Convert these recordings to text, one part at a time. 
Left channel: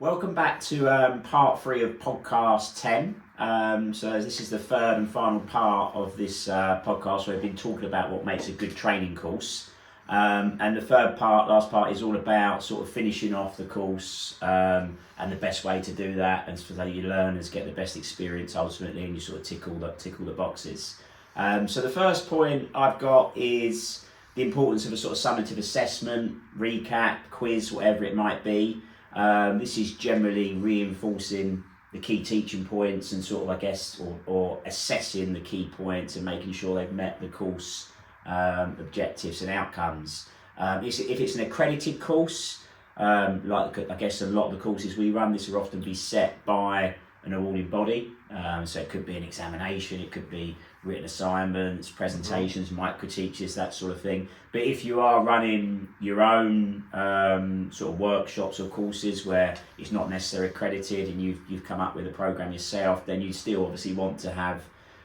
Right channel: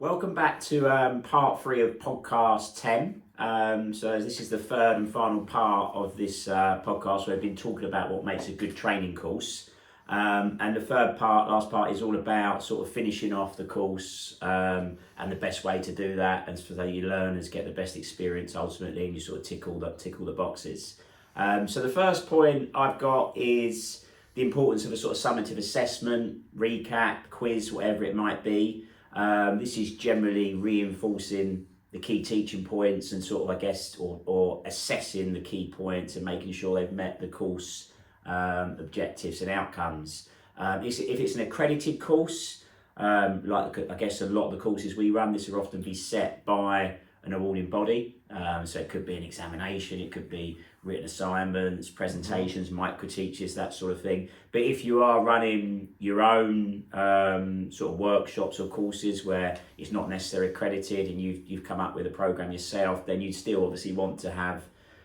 Welcome back to part 3 of podcast 10. So this is the third and final part of this podcast where we've been talking about what makes a good training course. And the last part, is all about sort of finishing off the course and the best way to do that, and so that your learners get the best experience ultimately, and you sort of tick all the boxes. So the first point I've got is the importance of a sort of summative assessment, recap, quiz, whatever it might be. This is generally reinforcing the key teaching points and sort of, I guess, or assessing the key points and making sure they've met the course objectives and outcomes. If it's an accredited course, like I guess a lot of the courses we run, this will often be set by an awarding body. So it could be an examination, it could be written assignments, presentations, micro teaches, that sort of thing. But if you are running your own sort of workshops or courses where it's not necessarily accredited and you've come up with a program yourself, then you still obviously want to have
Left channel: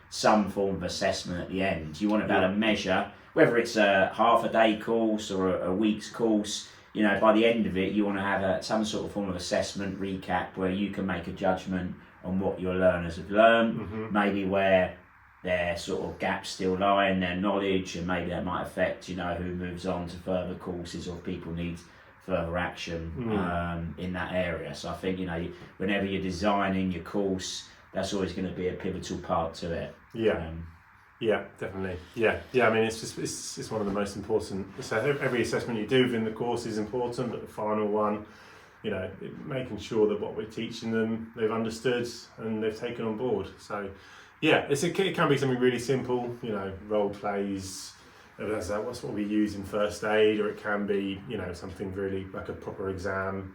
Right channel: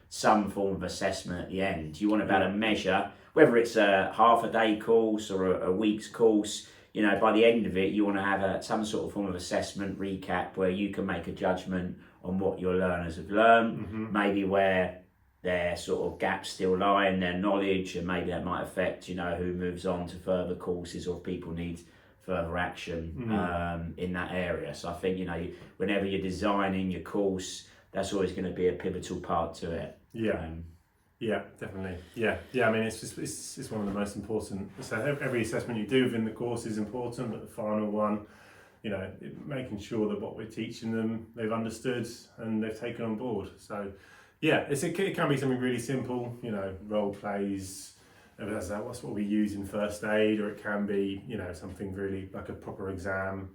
some form of assessment at the end. You want to be able to measure whether it's a half a day course or a week's course. You know, by the end of it, you want to have some sort of form of assessment recap where you can make a judgment on what your learners have learned, maybe where their sort of gaps still lie in their knowledge, and maybe that might affect, you know, who moves on to further courses or if people need further action in that area. So I think, you know, whenever you're designing your course, that's always going to be a pivotal part to it. Yeah, definitely. Yeah. I mean, it's one of the most important. So every assessment you do within the course is important, but the final one, you know, making sure that what we're teaching them, they've understood and they've taken on board. So, yeah, it can be something really simple, you know, role plays. That's what we use in first aid, or it can be, you know, something really like a proper exam.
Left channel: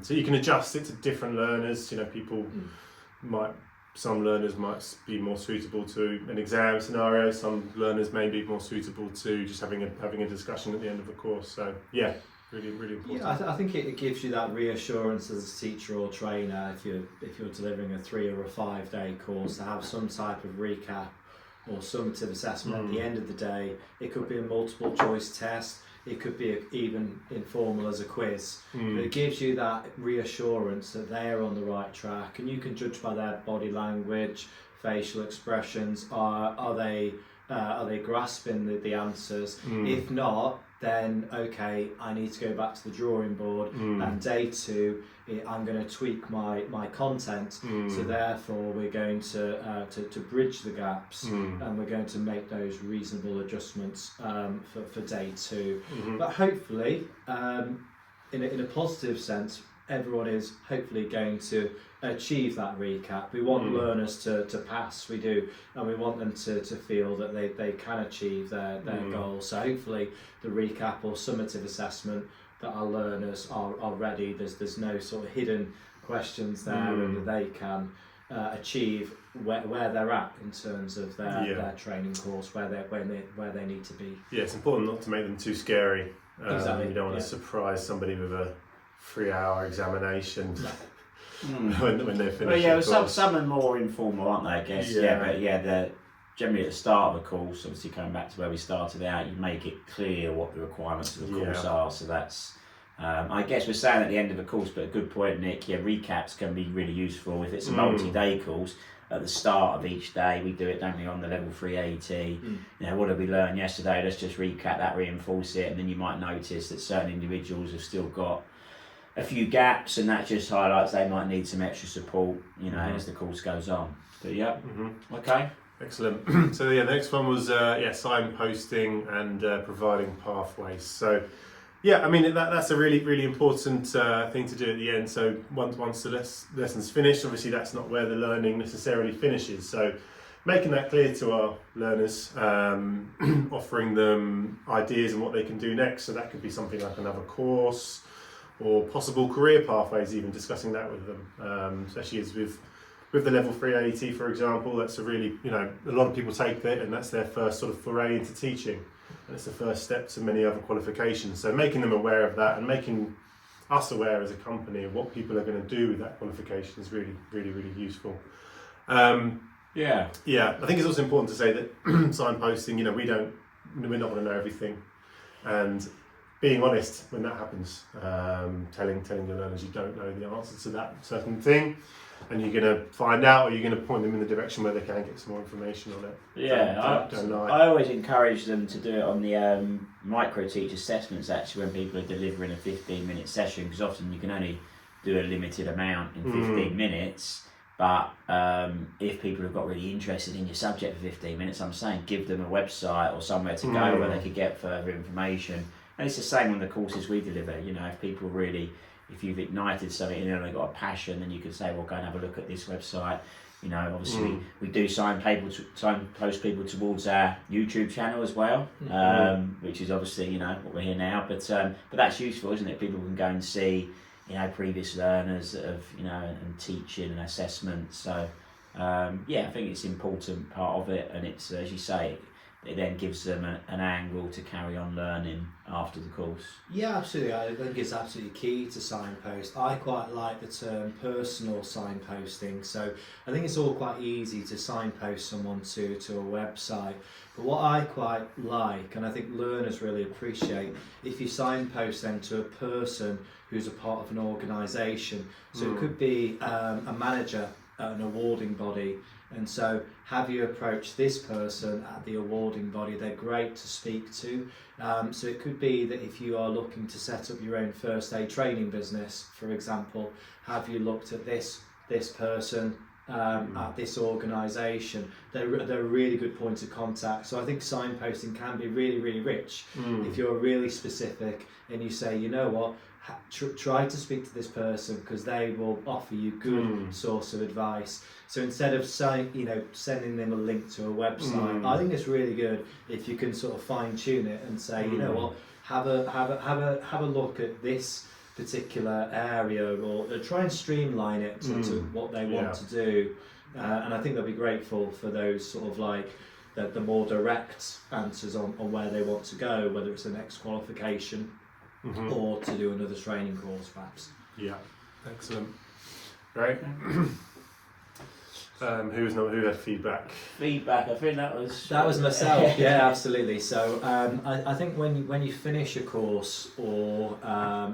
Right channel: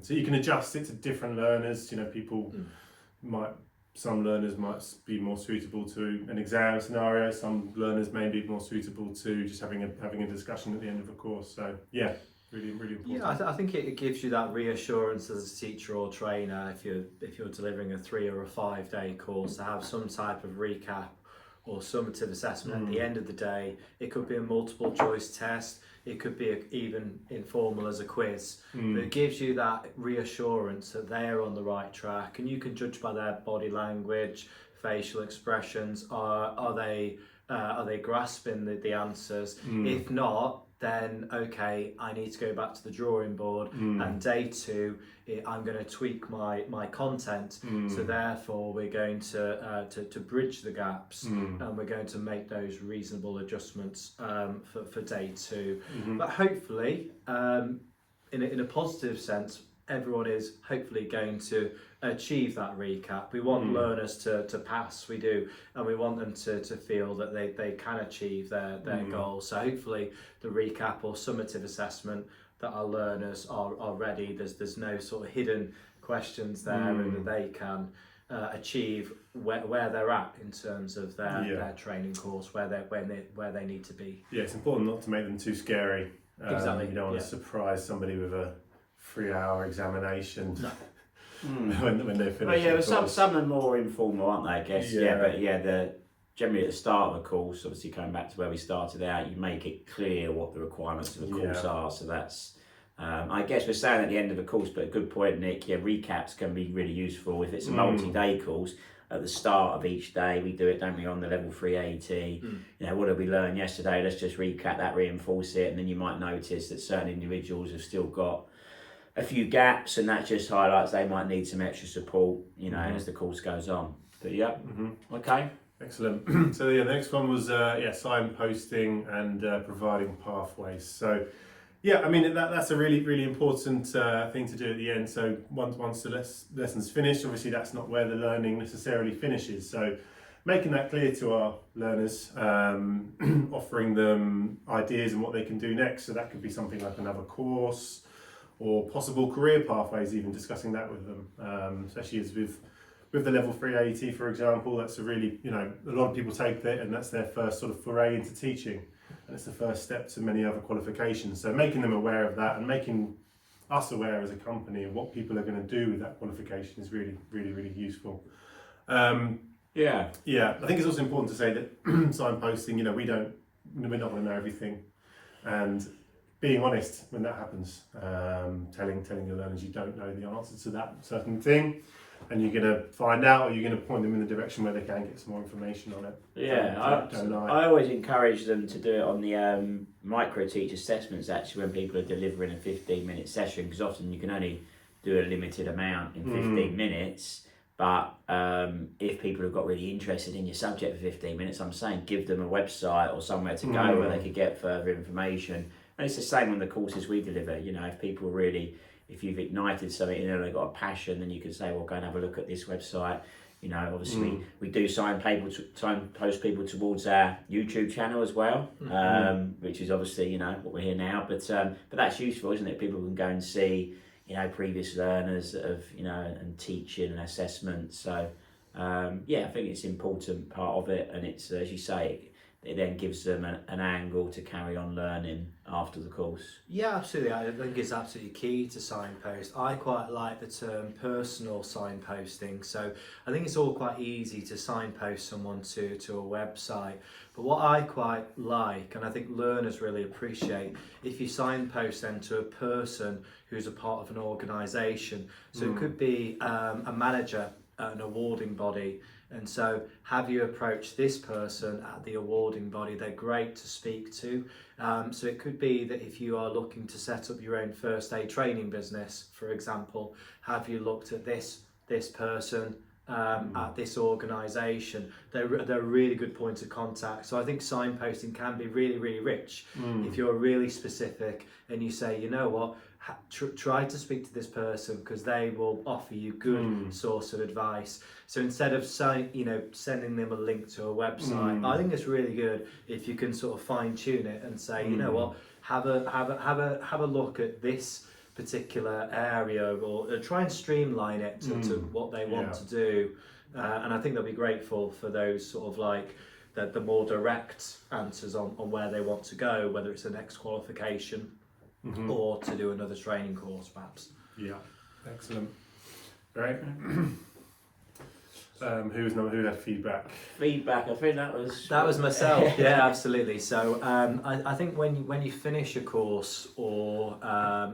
So you can adjust it to different learners. You know, some learners might be more suitable to an exam scenario. Some learners may be more suitable to just having a discussion at the end of a course. So yeah, really important. Yeah, I think it gives you that reassurance as a teacher or trainer if you're delivering a 3 or a 5 day course, to have some type of recap or summative assessment at the end of the day. It could be a multiple choice test. It could be even informal as a quiz, but it gives you that reassurance that they are on the right track, and you can judge by their body language, facial expressions. Are they grasping the answers? If not, then okay, I need to go back to the drawing board, and day 2, I'm going to tweak my content. So therefore, we're going to bridge the gaps, and we're going to make those reasonable adjustments for day 2. But hopefully, in a positive sense, everyone is hopefully going to achieve that recap. We want learners to pass, we do, and we want them to feel that they can achieve their goals. So hopefully the recap or summative assessment, that our learners are ready, there's no sort of hidden questions there, and that they can achieve where they're at in terms of their training course, where they need to be. Yeah, it's important not to make them too scary. Exactly. You don't want to surprise somebody with a 3-hour examination. When they're finished. Well, yeah, some are more informal, aren't they, I guess? But generally at the start of a course, obviously coming back to where we started out, you make it clear what the requirements of the course are. So that's, I guess we're saying at the end of a course, but a good point, Nick. Yeah, recaps can be really useful if it's a multi-day course. At the start of each day, we do it, don't we, on the level 3 AET. You know, what did we learn yesterday? Let's just recap that, reinforce it, and then you might notice that certain individuals have still got a few gaps, and that just highlights they might need some extra support, you know, as the course goes on. But yeah, okay. Excellent. So yeah, the next one was signposting and providing pathways. So yeah, I mean that's a really important thing to do at the end. So once the lesson's finished, obviously that's not where the learning necessarily finishes. So making that clear to our learners, offering them ideas and what they can do next. So that could be something like another course, or possible career pathways, even discussing that with them, especially as with the level 3 AET, for example. That's a really, you know, a lot of people take that and that's their first sort of foray into teaching, and it's the first step to many other qualifications. So making them aware of that and making us aware as a company of what people are going to do with that qualification is really useful. I think it's also important to say that signposting, you know, we're not going to know everything, and being honest when that happens, telling your learners you don't know the answer to that certain thing, and you're going to find out, or you're going to point them in the direction where they can get some more information on it. Yeah, Don't lie. I always encourage them to do it on the micro teach assessments, actually, when people are delivering a 15-minute session, because often you can only do a limited amount in 15 minutes. But if people have got really interested in your subject for 15 minutes, I'm saying give them a website or somewhere to go where they could get further information. And it's the same on the courses we deliver. You know, if people really, if you've ignited something, you know, they've got a passion, then you can say, well, go and have a look at this website. You know, obviously we do signpost people towards our YouTube channel as well, which is obviously, you know, what we're here now. But that's useful, isn't it? People can go and see, you know, previous learners of, you know, and teaching and assessment. So yeah, I think it's an important part of it, and it's, as you say, it then gives them an angle to carry on learning after the course. Yeah, absolutely. I think it's absolutely key to signpost. I quite like the term personal signposting. So I think it's all quite easy to signpost someone to a website. But what I quite like, and I think learners really appreciate, if you signpost them to a person who's a part of an organisation. So it could be a manager at an awarding body, and so have you approach this person at the awarding body? They're great to speak to. So it could be that if you are looking to set up your own first aid training business, for example, have you looked at this person at this organisation? They're a really good point of contact. So I think signposting can be really, really rich if you're really specific and you say, you know what, try to speak to this person because they will offer you good source of advice. So instead of sending them a link to a website, I think it's really good if you can sort of fine tune it and say, you know what, have a look at this particular area, or try and streamline it to what they want to do. And I think they'll be grateful for those sort of like the more direct answers on where they want to go, whether it's the next qualification or to do another training course perhaps. Yeah, excellent. Great. Who had feedback? Feedback, I think that was myself. Yeah, absolutely. So I think when you finish a course, or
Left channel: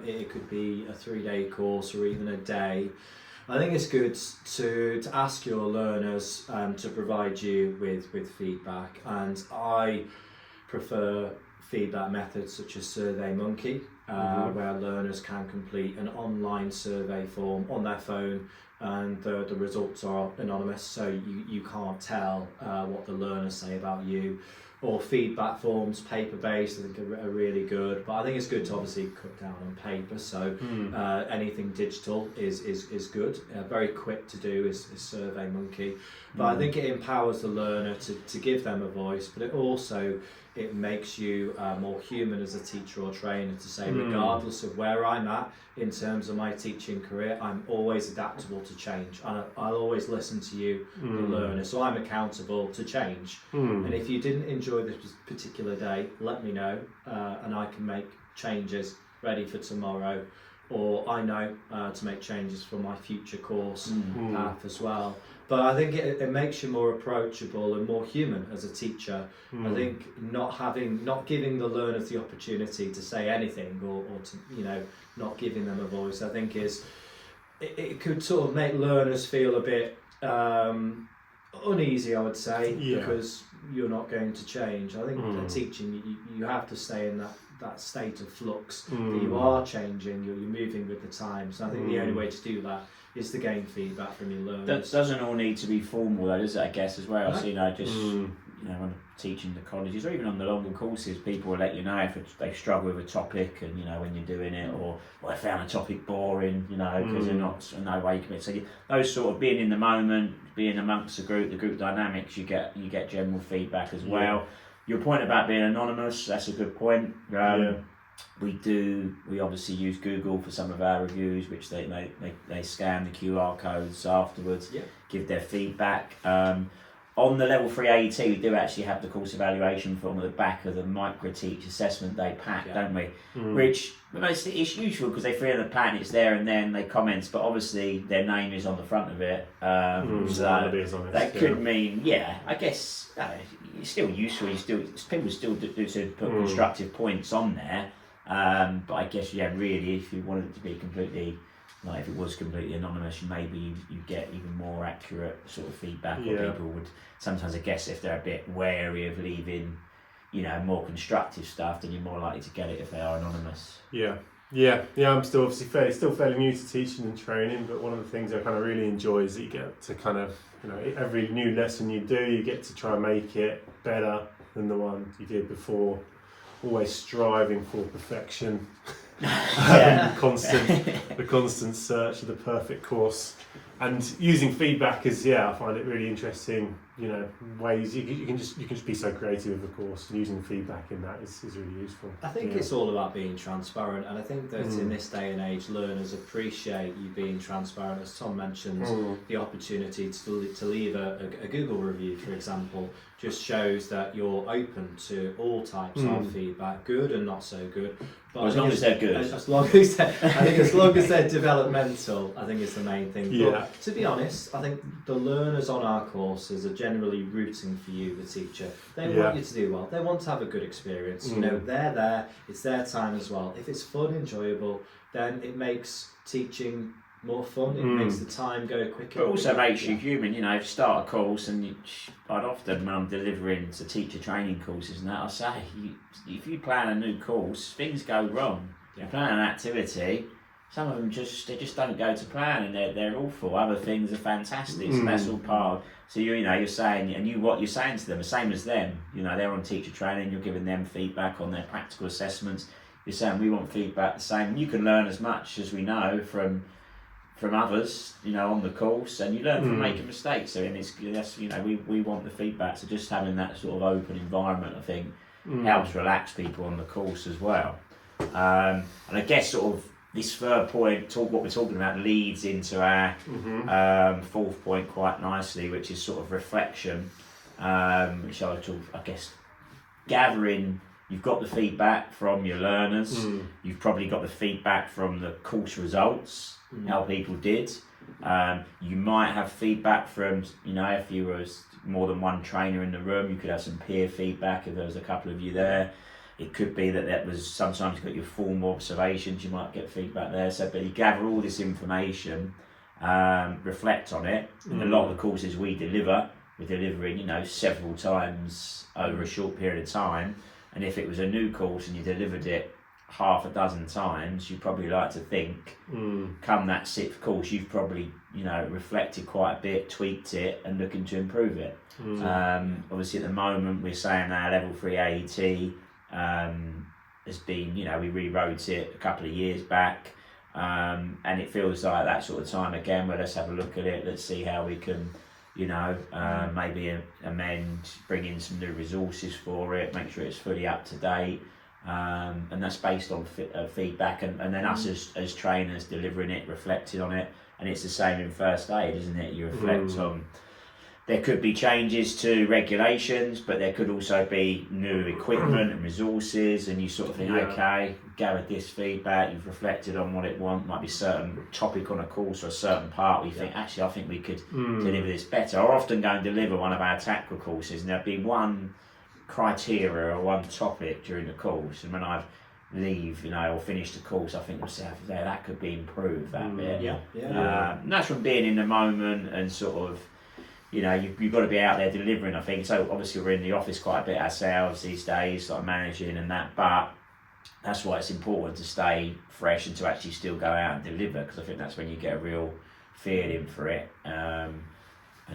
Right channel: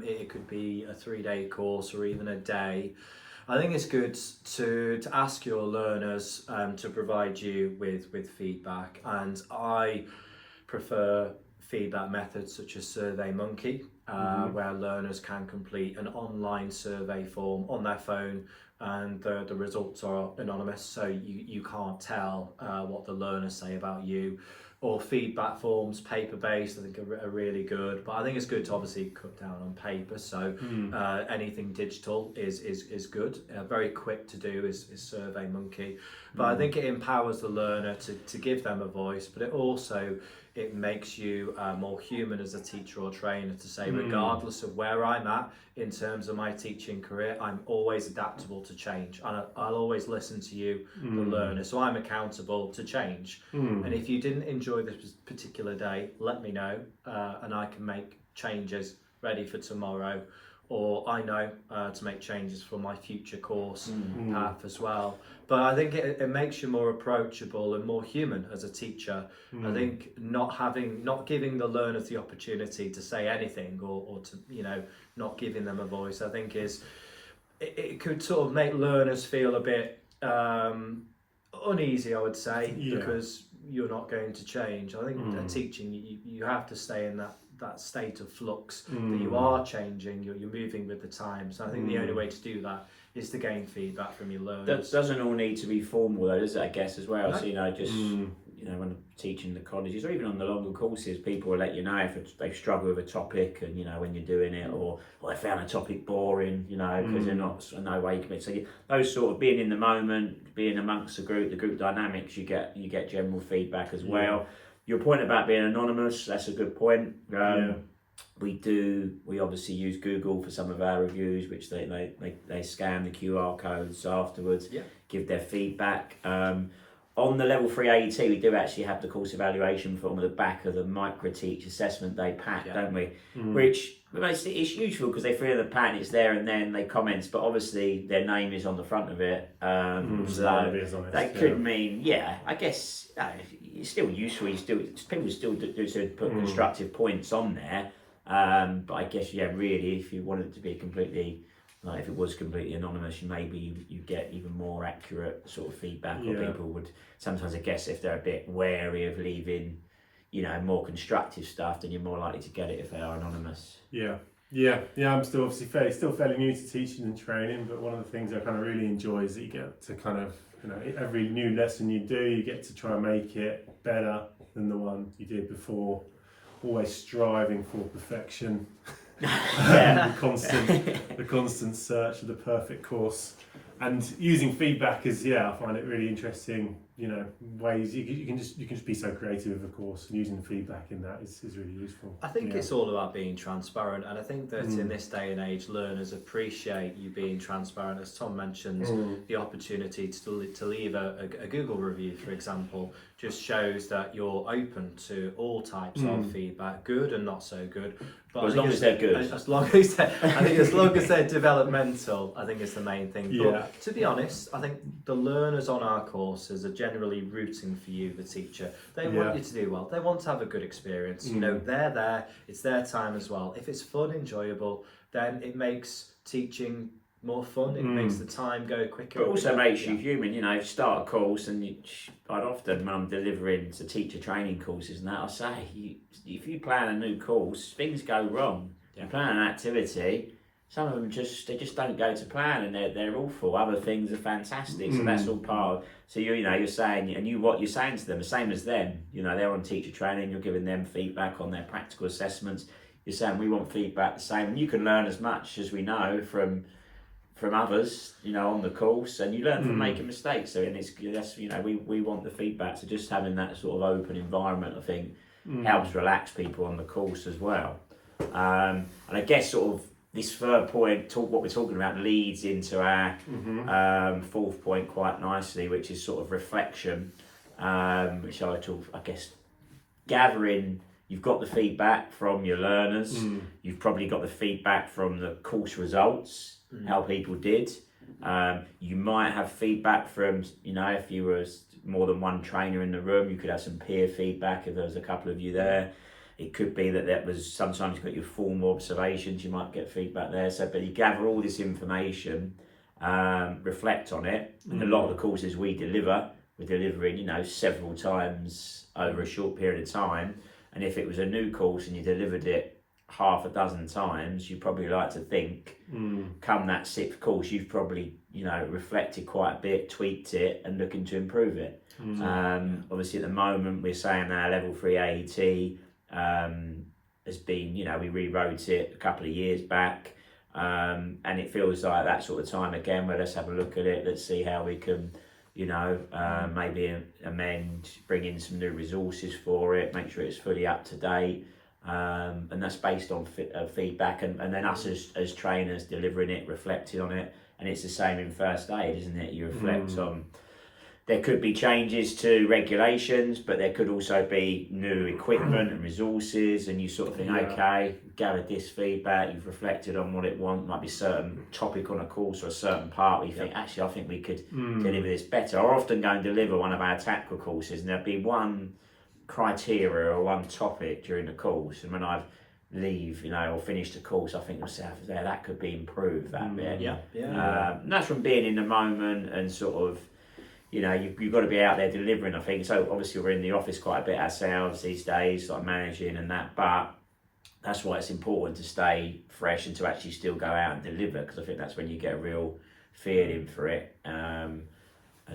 it could be a 3-day course or even a day, I think it's good to ask your learners to provide you with feedback, and I prefer feedback methods such as SurveyMonkey, where learners can complete an online survey form on their phone, and the results are anonymous, so you can't tell what the learners say about you. Or feedback forms, paper-based, I think are really good, but I think it's good to obviously cut down on paper, so anything digital is good. Very quick to do is SurveyMonkey, but I think it empowers the learner to give them a voice, but it makes you more human as a teacher or trainer to say, regardless of where I'm at in terms of my teaching career, I'm always adaptable to change. I'll always listen to you, the learner, so I'm accountable to change. And if you didn't enjoy this particular day, let me know, and I can make changes ready for tomorrow, or I know to make changes for my future course path as well. But I think it makes you more approachable and more human as a teacher. I think not giving the learners the opportunity to say anything, or to, not giving them a voice, I think it could sort of make learners feel a bit uneasy, I would say, because you're not going to change. I think that teaching, you have to stay in that state of flux, that you are changing, you're moving with the times. So I think the only way to do that is to gain feedback from your learners. That doesn't all need to be formal though, does it, I guess, as well? No. So, when I'm teaching the colleges, or even on the longer courses, people will let you know if they struggle with a topic, and when you're doing it, or I found a topic boring, because they're not, no way you can. So those sort of being in the moment, being amongst the group dynamics, you get general feedback as well. Your point about being anonymous, that's a good point. We obviously use Google for some of our reviews, which they scan the QR codes afterwards, give their feedback. On the level 3 AET, we do actually have the course evaluation form at the back of the Micro Teach Assessment Day pack, don't we? Which it's useful because they fill in the pack and it's there, and then they comment, but obviously their name is on the front of it. So that could mean, I guess it's still useful. People still do put constructive points on there. But I guess, really, if you wanted it to be completely, like if it was completely anonymous, maybe you get even more accurate sort of feedback, or people would sometimes, I guess, if they're a bit wary of leaving, more constructive stuff, then you're more likely to get it if they are anonymous. Yeah. I'm still obviously fairly new to teaching and training, but one of the things I kind of really enjoy is that you get to kind of, every new lesson you do, you get to try and make it better than the one you did before. Always striving for perfection. The constant search of the perfect course, and using feedback is I find it really interesting. Ways you can just be so creative with the course, and using feedback in that is really useful. I think it's all about being transparent, and I think that in this day and age, learners appreciate you being transparent. As Tom mentioned, the opportunity to leave a Google review, for example, just shows that you're open to all types of feedback, good and not so good. But as long as they're good. As long as they're developmental, I think is the main thing. But to be honest, I think the learners on our courses are generally rooting for you, the teacher. They want you to do well. They want to have a good experience. They're there. It's their time as well. If it's fun, enjoyable, then it makes teaching more fun. It makes the time go quicker. But also makes you human. If you start a course, and I'd often, when I'm delivering to teacher training courses and that, I say, if you plan a new course, things go wrong. You plan an activity, some of them just don't go to plan, and they're awful. Other things are fantastic. So that's all part of. So you're saying, and what you're saying to them, the same as them. They're on teacher training. You're giving them feedback on their practical assessments. You're saying we want feedback the same, and you can learn as much as we know from others, on the course, and you learn from making mistakes. So, we want the feedback. So just having that sort of open environment, I think, helps relax people on the course as well. And I guess sort of this third point, what we're talking about, leads into our fourth point quite nicely, which is sort of reflection, which I guess, gathering. You've got the feedback from your learners. You've probably got the feedback from the course results, how people did. You might have feedback from, if you were more than one trainer in the room, you could have some peer feedback if there was a couple of you there. It could be that was, sometimes you've got your formal observations, you might get feedback there. So, but you gather all this information, reflect on it. And a lot of the courses we're delivering, several times over a short period of time. And if it was a new course and you delivered it half a dozen times, you probably like to think, come that sixth course, you've probably, reflected quite a bit, tweaked it, and looking to improve it. Obviously, at the moment, we're saying our level 3 AET has been, we rewrote it a couple of years back, and it feels like that sort of time again, where let's have a look at it, let's see how we can, maybe amend, bring in some new resources for it, make sure it's fully up to date. And that's based on feedback, and then us as trainers delivering it, reflecting on it. And it's the same in first aid, isn't it? You reflect on, there could be changes to regulations, but there could also be new equipment and resources, and you sort of think, okay, gathered this feedback, you've reflected on what it wants, might be a certain topic on a course or a certain part where you think, actually, I think we could deliver this better. I often go and deliver one of our tactical courses, and there'll be one criteria or one topic during the course, and when I leave, or finish the course, I think to myself, that could be improved, that bit. And that's from being in the moment and sort of, you've got to be out there delivering, I think. So obviously we're in the office quite a bit ourselves these days, like managing and that, but that's why it's important to stay fresh and to actually still go out and deliver, because I think that's when you get a real feeling for it. And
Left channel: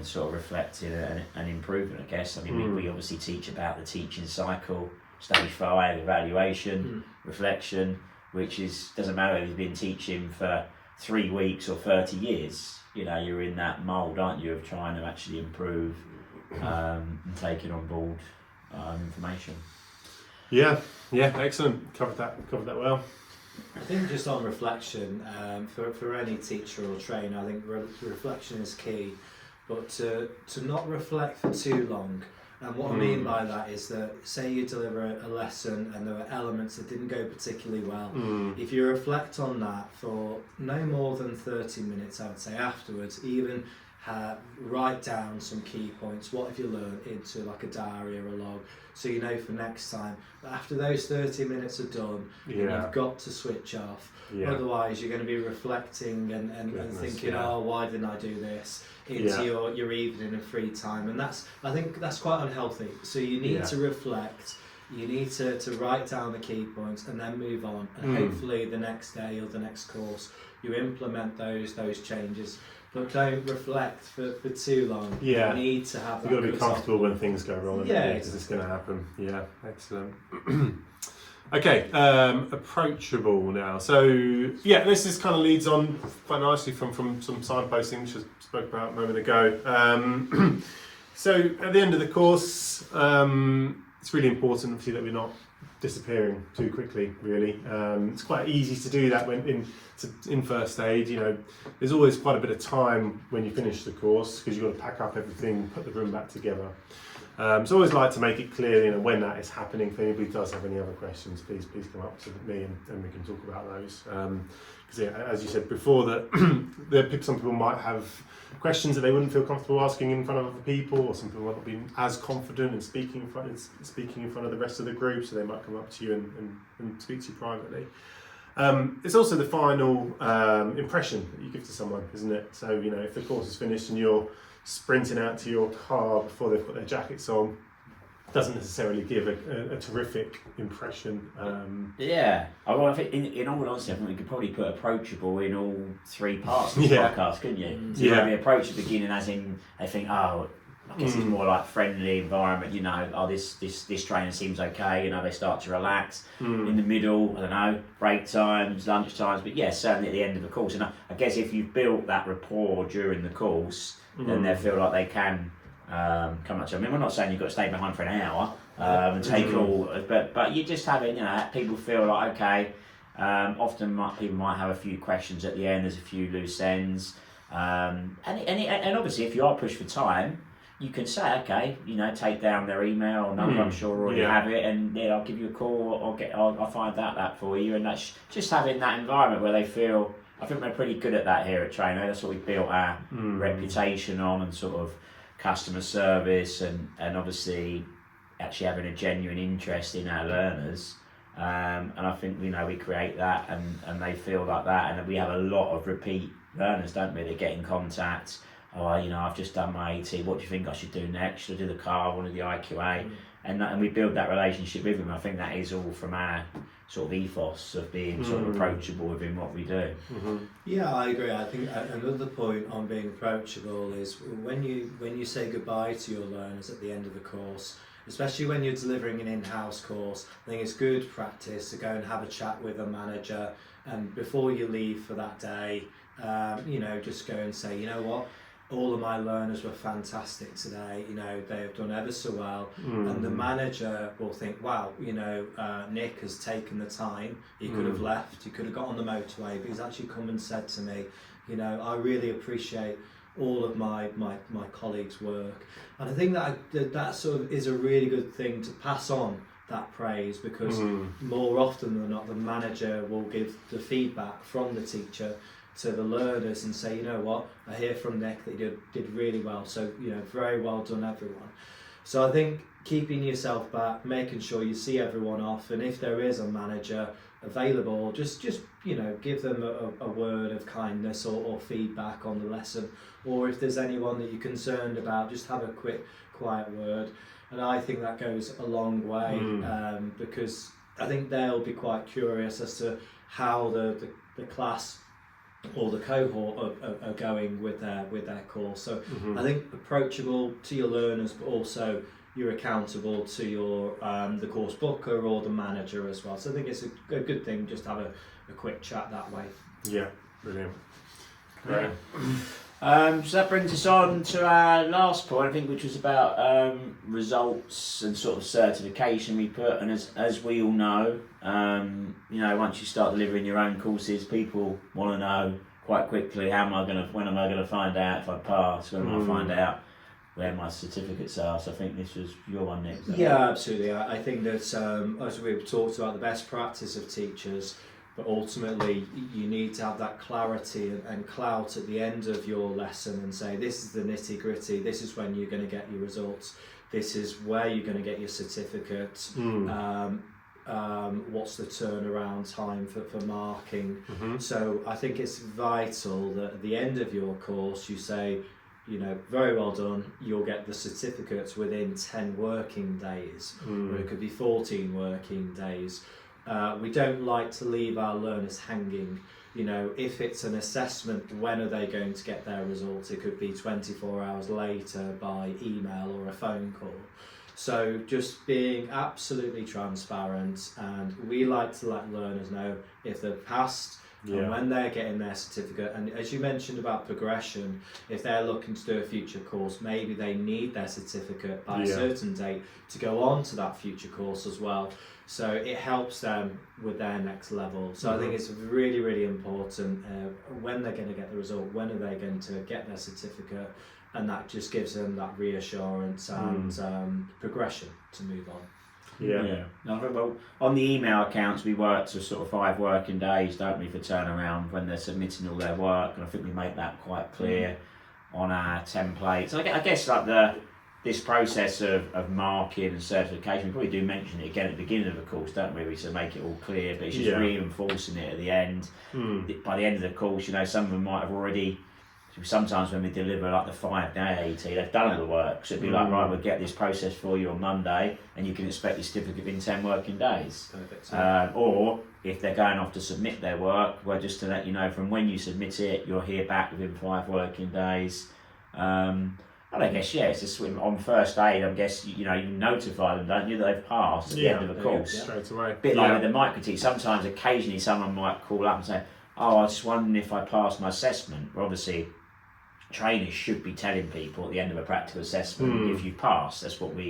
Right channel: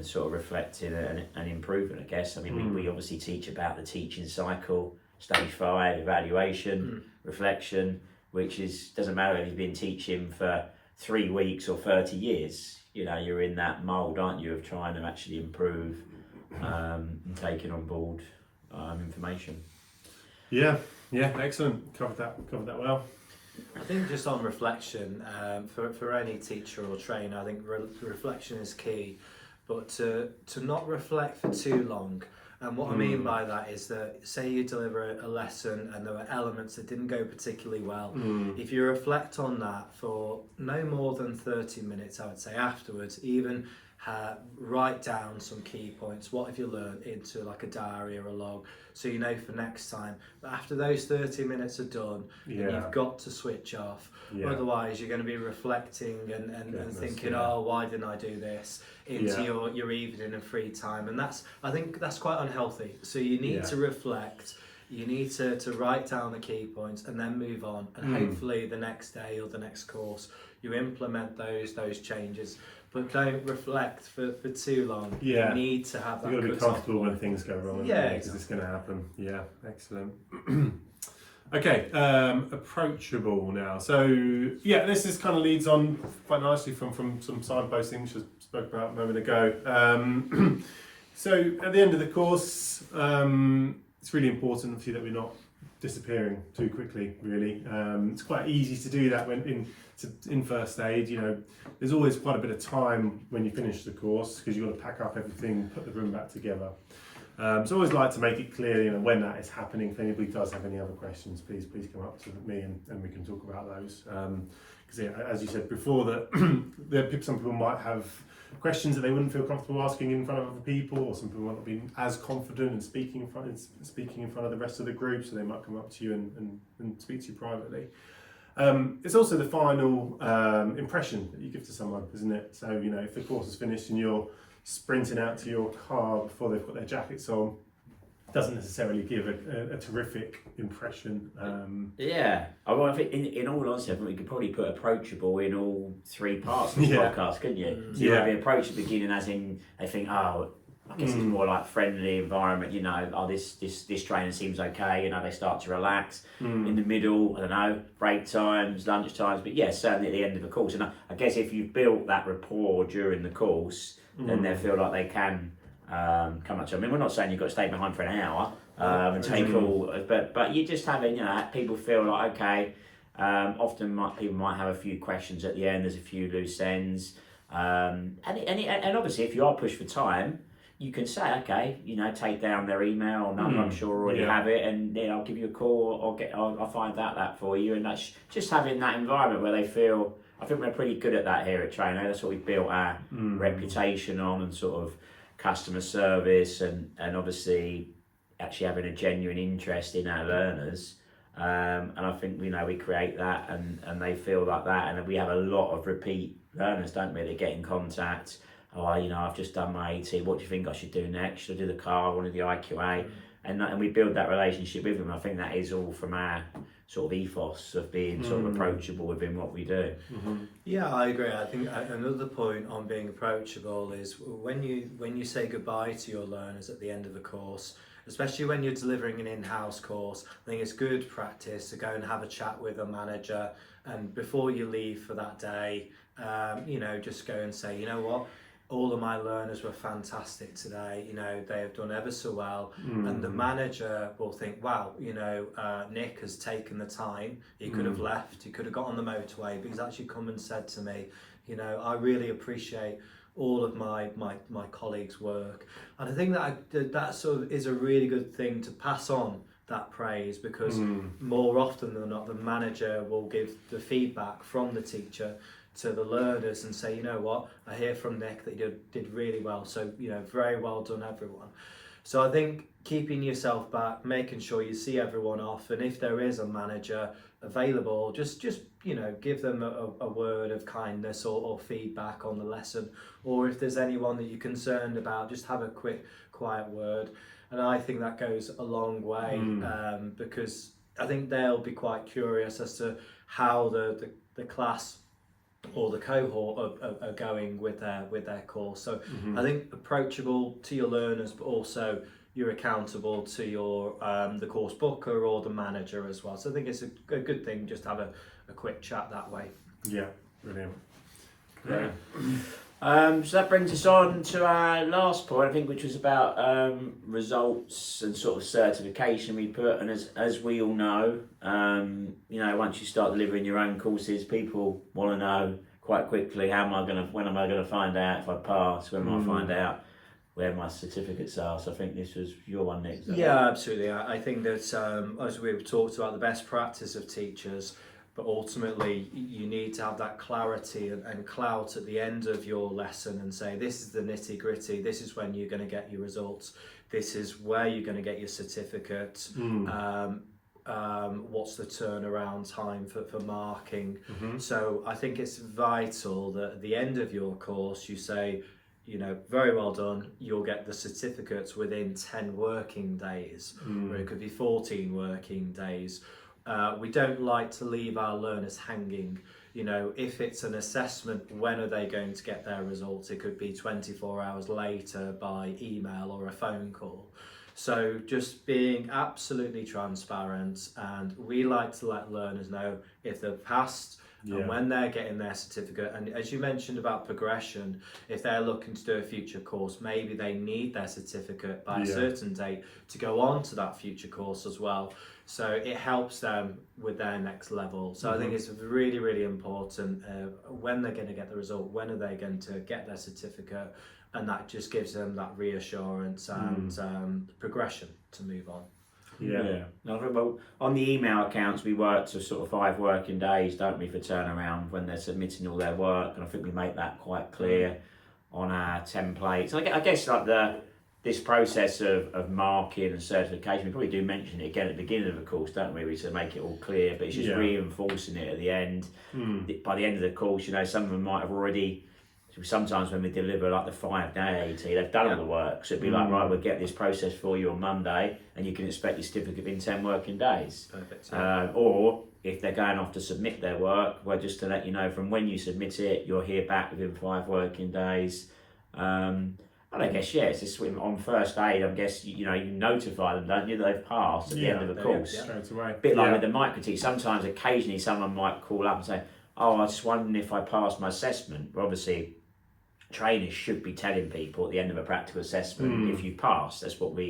sort of reflecting and improving, I guess. I mean, we obviously teach about the teaching cycle, stage 5, evaluation, reflection, which doesn't matter if you've been teaching for 3 weeks or 30 years. You're in that mould, aren't you, of trying to actually improve and taking on board information. Yeah, excellent. Covered that well. I think just on reflection, for any teacher or trainer, I think reflection is key. But to not reflect for too long. And what I mean by that is that, say you deliver a lesson and there were elements that didn't go particularly well, if you reflect on that for no more than 30 minutes, I would say, afterwards, even write down some key points. What have you learned into like a diary or a log, so you know for next time. But after those 30 minutes are done, you've got to switch off. Yeah. Otherwise, you're going to be reflecting and thinking, oh, why didn't I do this? Into your evening and free time, and I think that's quite unhealthy. So you need to reflect. You need to write down the key points and then move on. And hopefully the next day or the next course, you implement those changes. But don't reflect for too long. Yeah. You need to have that. You've got to be comfortable when things go wrong, because it's going to happen. Yeah, excellent. Okay, approachable now. So yeah, this is kind of leads on quite nicely from some signposting, which I spoke about a moment ago. So at the end of the course, it's really important, obviously, that we're not disappearing too quickly. Really, it's quite easy to do that when in first aid. You know, there's always quite a bit of time when you finish the course, because you've got to pack up everything, put the room back together. So I always like to make it clear, you know, when that is happening. If anybody does have any other questions, please come up to me and we can talk about those. Because as you said before, that some people might have questions that they wouldn't feel comfortable asking in front of other people, or some people might not be as confident in speaking in front of the rest of the group, so they might come up to you and speak to you privately. It's also the final impression that you give to someone, isn't it? So, you know, if the course is finished and you're sprinting out to your car before they've put their jackets on, doesn't necessarily give a terrific impression. I think in all honesty, I think we could probably put approachable in all three parts of the podcast, couldn't you? So you might be approach at the beginning, as in they think, oh, I guess it's more like friendly environment, you know, oh, this trainer seems okay, you know, they start to relax. In the middle, I don't know, break times, lunch times, but yeah, certainly at the end of the course. And I guess if you've built that rapport during the course, then they feel like they can come up to. I mean, we're not saying you've got to stay behind for an hour and take all, but you're just having, you know, people feel like, okay. Often people might have a few questions at the end. There's a few loose ends, and obviously, if you are pushed for time, you can say, okay, you know, take down their email or number. I'm sure already have it, and then I'll give you a call or I'll find out that for you. And that's just having that environment where they feel. I think we're pretty good at that here at Trainer. That's what we built our reputation on, and sort of customer service, and obviously actually having a genuine interest in our learners. And I think, you know, we create that, and they feel like that, and we have a lot of repeat learners, don't we? They get in contact. Oh, you know, I've just done my AT. What do you think I should do next? Should I do the car? I want to do the IQA, and we build that relationship with them. I think that is all from our sort of ethos of being sort of approachable within what we do. Yeah, I agree. I think another point on being approachable is when you say goodbye to your learners at the end of the course, especially when you're delivering an in-house course. I think it's good practice to go and have a chat with a manager, and before you leave for that day, you know, just go and say, you know what, all of my learners were fantastic today, you know, they have done ever so well. And the manager will think, wow, you know, Nick has taken the time. He could have left, he could have got on the motorway, but he's actually come and said to me, you know, I really appreciate all of my colleagues' work. And I think that sort of is a really good thing to pass on, that praise, because more often than not, the manager will give the feedback from the teacher to the learners and say, you know what, I hear from Nick that you did really well, so, you know, very well done, everyone. So I think keeping yourself back, making sure you see everyone off, and if there is a manager available, just you know, give them a word of kindness or feedback on the lesson, or if there's anyone that you're concerned about, just have a quick quiet word. And I think that goes a long way, because I think they'll be quite curious as to how the class or the cohort are going with their course. So I think approachable to your learners, but also you're accountable to your the course booker or the manager as well. So I think it's a good thing just to have a quick chat that way. Yeah, brilliant. Great. So that brings us on to our last point, I think, which was about results and sort of certification we put. And as we all know, you know, once you start delivering your own courses, people want to know quite quickly, when am I going to find out if I pass? When am I find out where my certificates are? So I think this was your one, Nick. Yeah, absolutely. I think that as we've talked about, the best practice of teachers but ultimately you need to have that clarity and clout at the end of your lesson and say, this is the nitty gritty, this is when you're going to get your results, this is where you're going to get your certificate, what's the turnaround time for marking. So I think it's vital that at the end of your course you say, you know, very well done, you'll get the certificates within 10 working days, or it could be 14 working days. We don't like to leave our learners hanging. You know, if it's an assessment, when are they going to get their results? It could be 24 hours later by email or a phone call. So just being absolutely transparent, and we like to let learners know if they've passed, and when they're getting their certificate. And as you mentioned about progression, if they're looking to do a future course, maybe they need their certificate by a certain date to go on to that future course as well. So it helps them with their next level. So I think it's really, really important when they're going to get the result, when are they going to get their certificate, and that just gives them that reassurance and progression to move on. No, well, on the email accounts, we work to sort of 5 working days, don't we, for turnaround when they're submitting all their work, and I think we make that quite clear on our templates. I guess like this process of marking and certification, we probably do mention it again at the beginning of the course, don't we? We sort of make it all clear, but it's just reinforcing it at the end. By the end of the course, you know, some of them might have already. Sometimes when we deliver like the 5-day AT, they've done all the work. So it'd be like, right, we'll get this process for you on Monday, and you can expect your certificate in 10 working days. Perfect. Or if they're going off to submit their work, well, just to let you know, from when you submit it, you'll hear back within 5 working days. And I guess, it's just on first aid, I guess, you know, you notify them, don't you, that they've passed at the end of the course. Straight away. Bit like with the micro-teach, sometimes occasionally someone might call up and say, oh, I was just wondering if I passed my assessment. Well, obviously, trainers should be telling people at the end of a practical assessment if you pass. That's what we,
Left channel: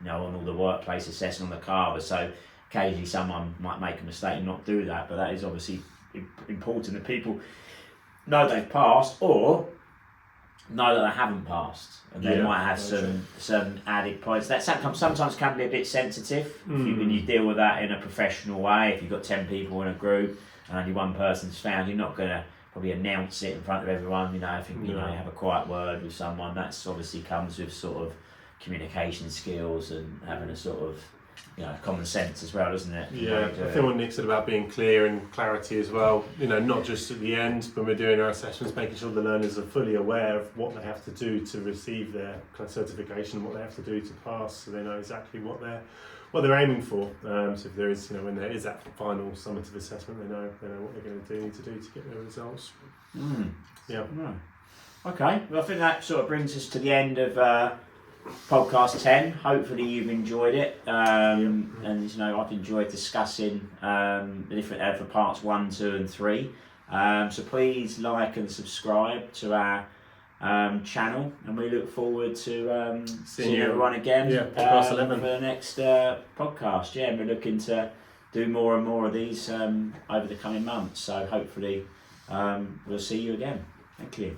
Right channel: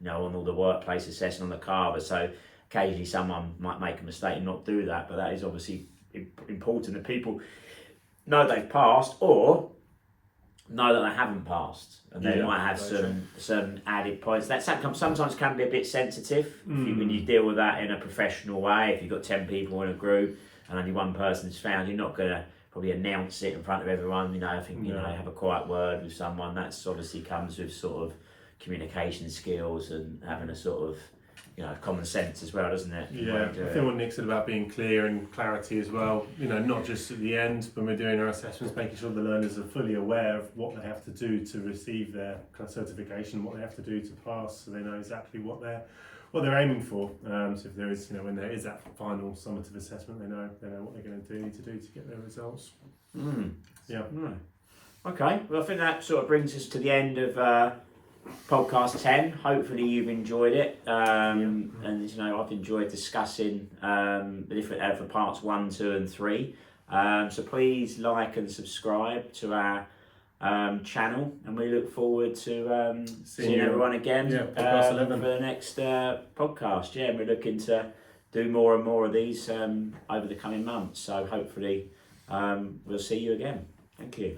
you know, on all the workplace assessment on the carver. So occasionally someone might make a mistake and not do that, but that is obviously important that people know they've passed or know that they haven't passed, and they might have some added points. That sometimes can be a bit sensitive when you deal with that in a professional way. If you've got 10 people in a group and only one person's found, you're not going to probably announce it in front of everyone. You know, I think, you know, have a quiet word with someone. That's obviously comes with sort of communication skills and having a sort of, you know, common sense as well, doesn't it? I think what Nick said about being clear and clarity as well, you know, not just at the end when we're doing our assessments, making sure the learners are fully aware of what they have to do to receive their kind of certification, what they have to do to pass, so they know exactly what they're aiming for. So if there is, you know, when there is that final summative assessment, they know what they're going to need to do to get their results. Okay, well, I think that sort of brings us to the end of podcast 10. Hopefully you've enjoyed it, and you know, I've enjoyed discussing the different for parts 1, 2 and 3. So please like and subscribe to our channel, and we look forward to seeing everyone again podcast 11 for the next podcast. And we're looking to do more and more of these over the coming months, so hopefully we'll see you again. Thank you.